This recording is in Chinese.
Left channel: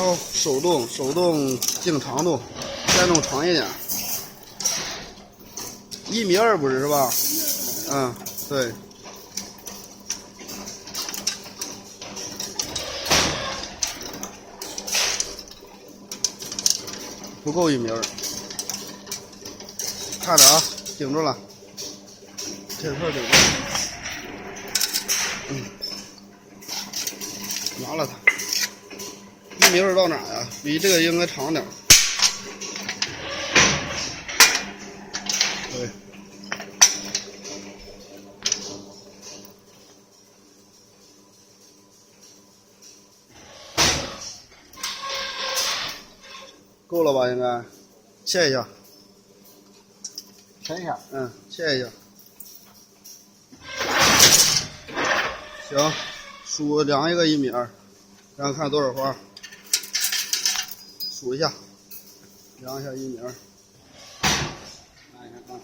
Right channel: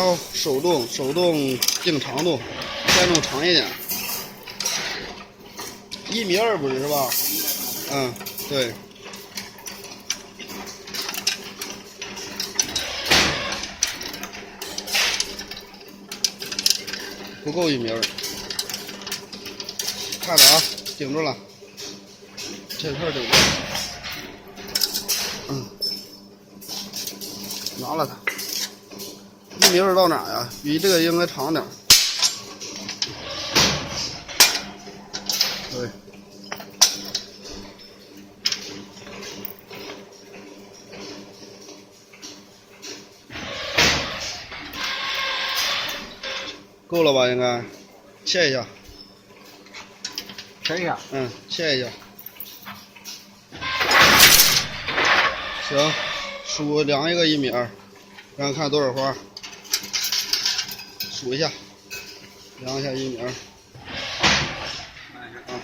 然后手动定长度，再弄长一点，1.2米不是吧？嗯，对。不够1米，看着啊，顶住了，这块顶住了，拿了它，1.2米到哪呀？比这个应该长点。对，够了吧？应该，切一下。切一下。切一下。行，量一个1米，然后看多少花，数一下，量一下1米。慢一下啊。